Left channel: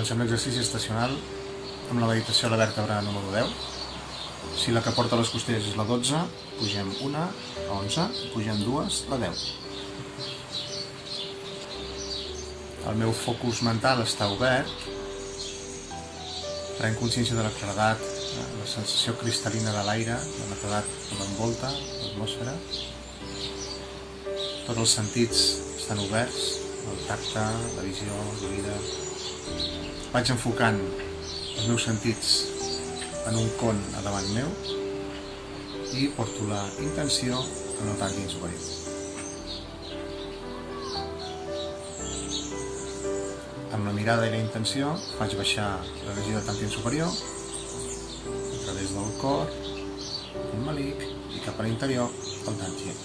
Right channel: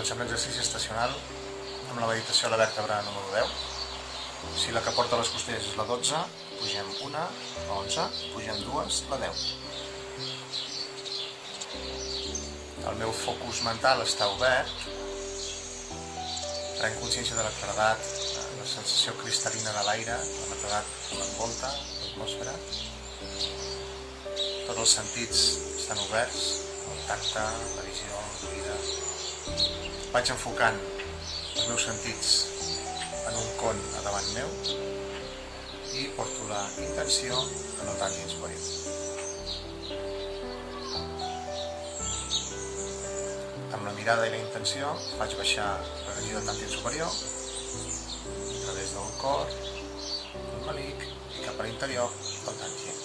Comencem l'exercici estacional amb la meditació a la vèrtebra número 10. Si la que porta les costelles és la 12, pugem una, la 11, pugem dues, la 10. El meu focus mental està obert, prenc consciència de la claredat, la sensació cristal·lina de l'aire, la netedat que m'envolta, l'atmosfera. Tots els sentits estan oberts, el tacte, la visió, l'oïda. Vaig enfocant els meus sentits en un con a davant meu i porto la intenció en el tàntim superior. Amb la mirada i la intenció faig baixar l'energia del tàntim superior a través del cor, el malic i cap a l'interior el tàntim.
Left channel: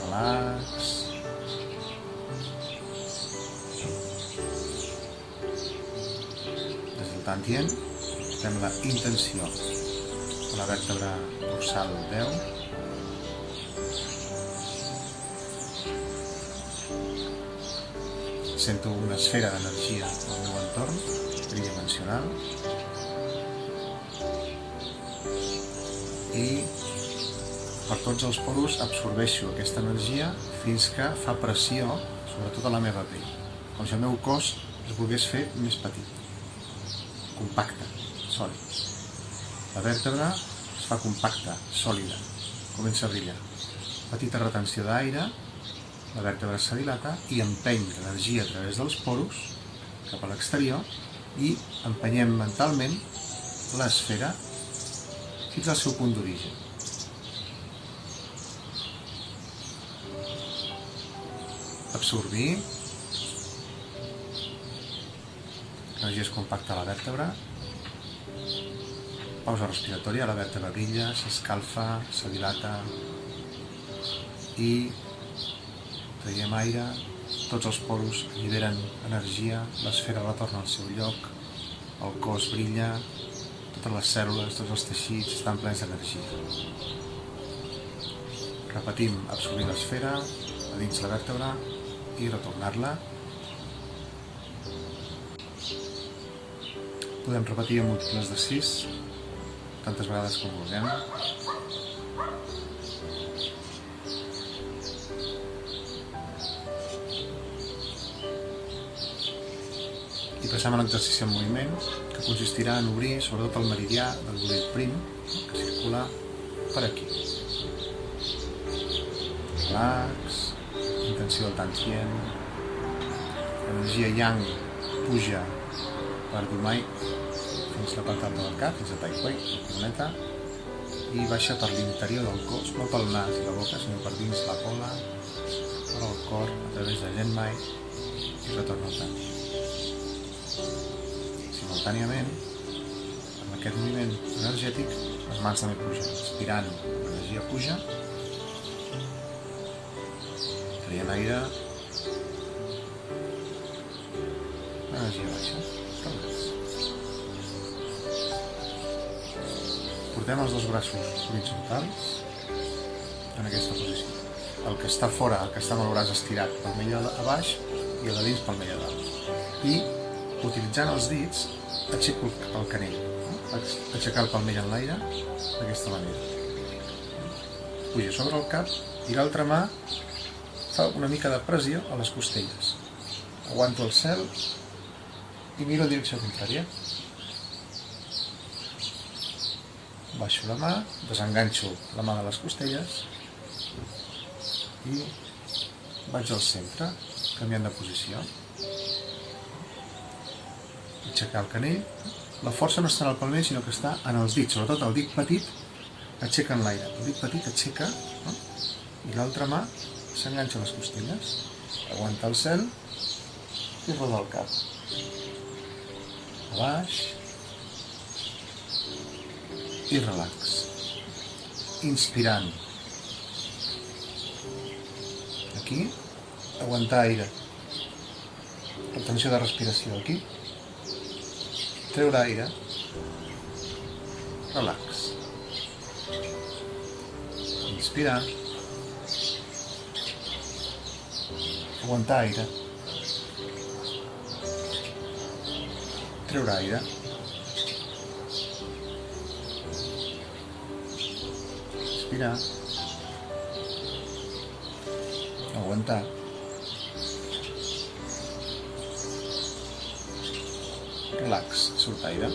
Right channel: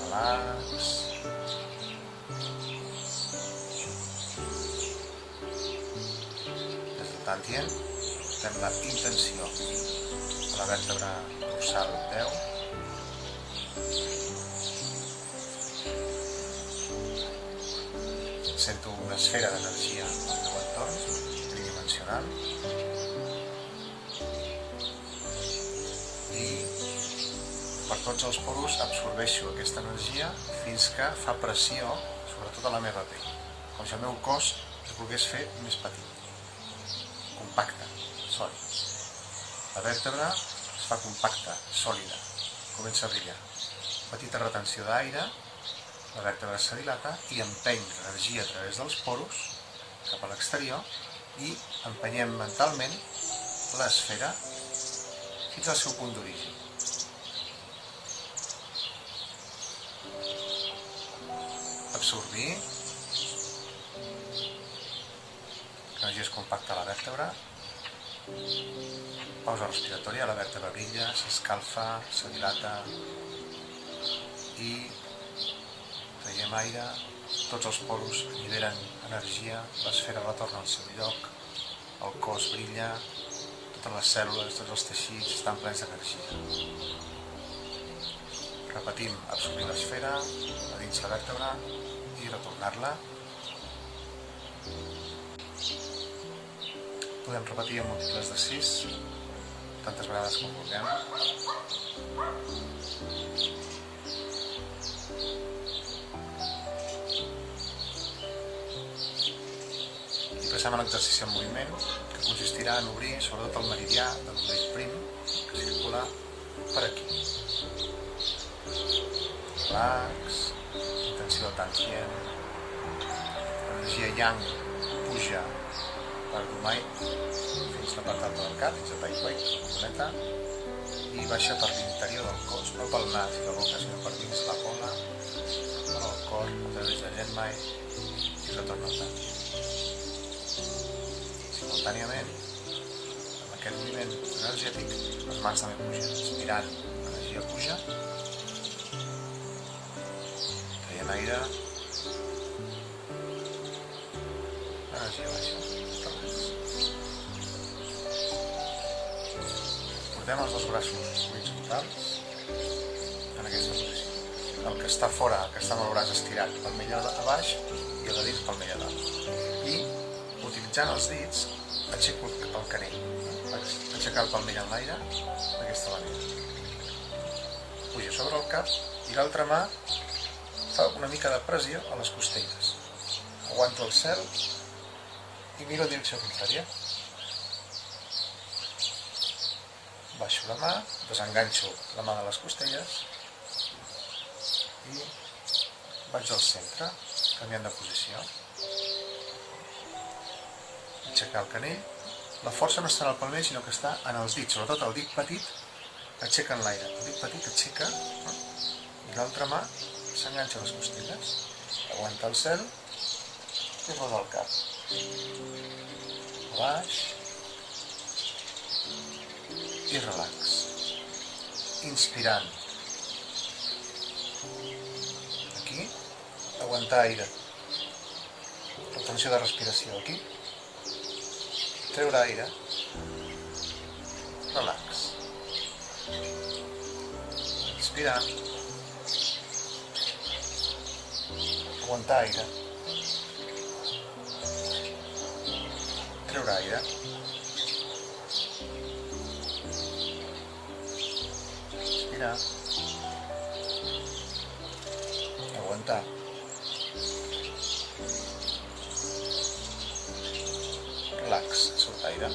Relax. Des del tàntim portem la intenció a la vèrtebra dorsal 10. Sento una esfera d'energia al meu entorn, tridimensional, i per tots els poros absorbeixo aquesta energia fins que fa pressió sobre tota la meva pell, com si el meu cos es volgués fer més petit, compacte, sòlid. La vèrtebra es fa compacta, sòlida, comença a brillar. Petita retenció d'aire, la vèrtebra se dilata i empeny l'energia a través dels poros cap a l'exterior i empenyem mentalment l'esfera fins al seu punt d'origen. Absorbir. L'energia es compacta a la vèrtebra. Pausa respiratòria, la vèrtebra brilla, s'escalfa, se dilata i traiem aire, tots els poros alliberen energia, l'esfera retorna al seu lloc, el cos brilla, totes les cèl·lules, tots els teixits estan plens d'energia. Repetim, absorbir l'esfera a dins la vèrtebra i retornar-la. Podem repetir en múltiples de 6, tantes vegades com vulguem. I passem a l'exercici en moviment, que consistirà en obrir sobretot el meridià del budell prim, que circula per aquí. Relax, intenció del tantien, l'energia yang puja per Dumai fins la part alta del cap, fins a Tai Hui, la coroneta, i baixa per l'interior del cos, no pel nas i la boca, sinó per dins la gola, per al cor, a través de Genmai, i retorna al tantien. Simultàniament, amb aquest moviment energètic, les mans també pugen. Inspirant, l'energia puja. Traient aire. L'energia baixa. Relax. Portem els dos braços horitzontals en aquesta posició. El que està fora, el que està amb el braç estirat, palmell a baix, i el de dins palmell a dalt. I utilitzant els dits aixeco el canell. Vaig aixecar el palmell en l'aire d'aquesta manera. Puja sobre el cap i l'altra mà fa una mica de pressió a les costelles. Aguanto el cel i miro en direcció contrària. Baixo la mà, desenganxo la mà de les costelles i vaig al centre, canviant de posició. Aixecar el canell. La força no està en el palmell, sinó que està en els dits, sobretot el dit petit aixeca en l'aire. El dit petit aixeca, i l'altra mà s'enganxa a les costelles, aguanta el cel i roda el cap. A baix i relax. Inspirant. Aquí, aguantar aire. Retenció de respiració aquí. Treure aire, relax, inspirar, aguantar aire, treure aire. Inspirar. Aguantar. Relax, surt aire.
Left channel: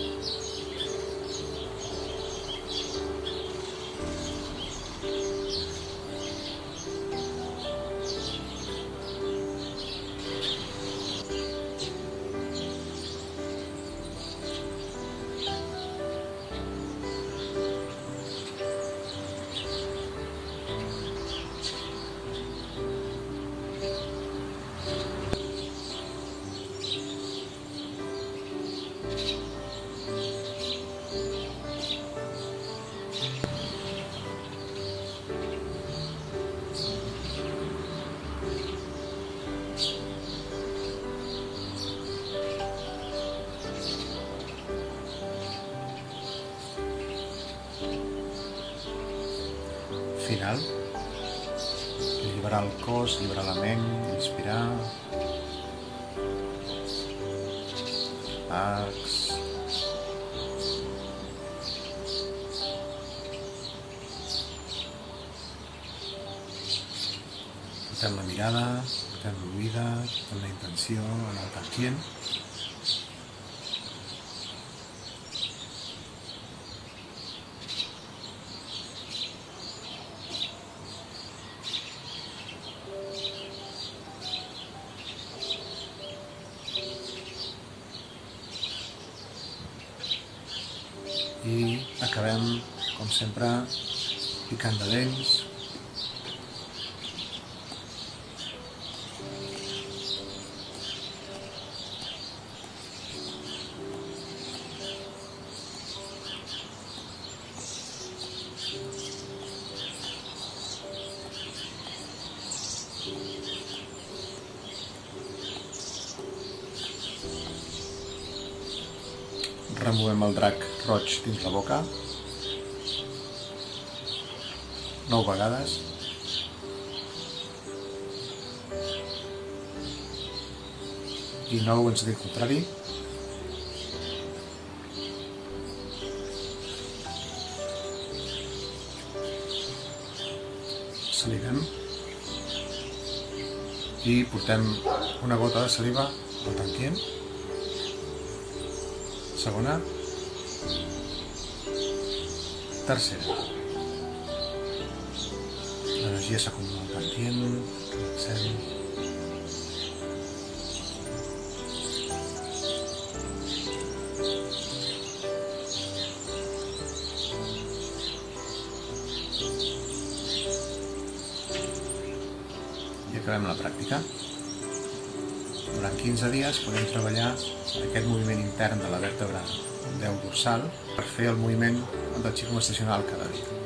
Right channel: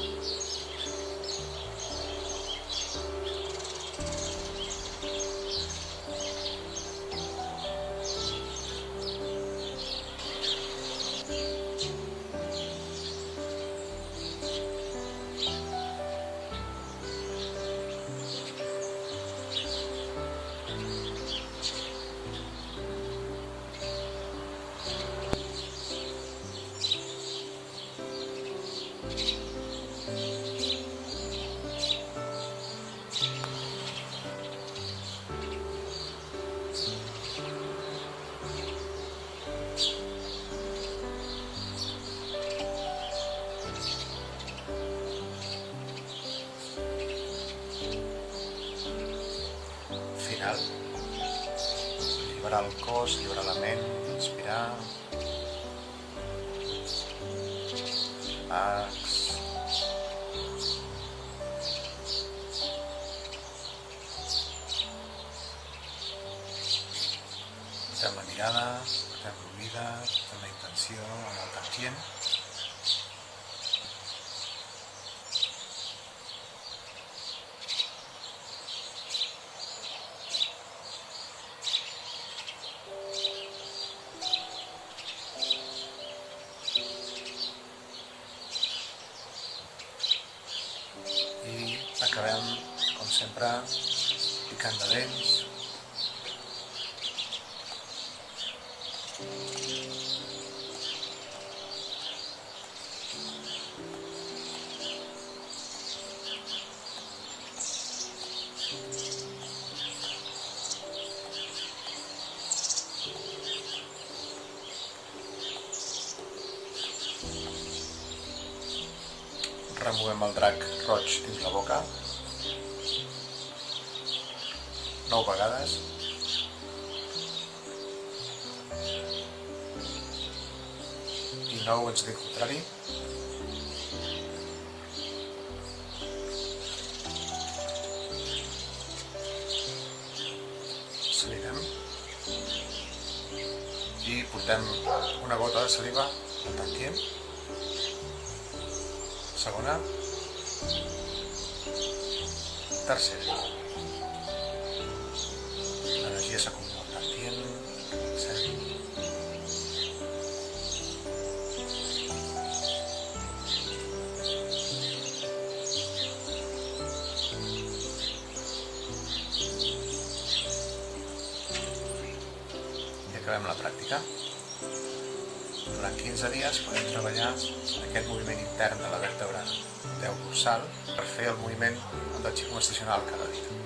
Final. Alliberar el cos, alliberar la ment, inspirar. Relax. Portem la mirada, portem l'oïda, portem la intenció en el tantient. I acabem, com sempre, picant de dents. Removem el drac roig dins la boca 9 vegades. I 9 en sentit contrari. Salivem. I portem una gota de saliva al tantient. Segona. Tercera. L'energia s'acumula al tantient, relaxem. I acabem la pràctica. Durant 15 dies podem treballar aquest moviment intern de la vèrtebra 10 dorsal per fer el moviment del xicom estacional cada dia.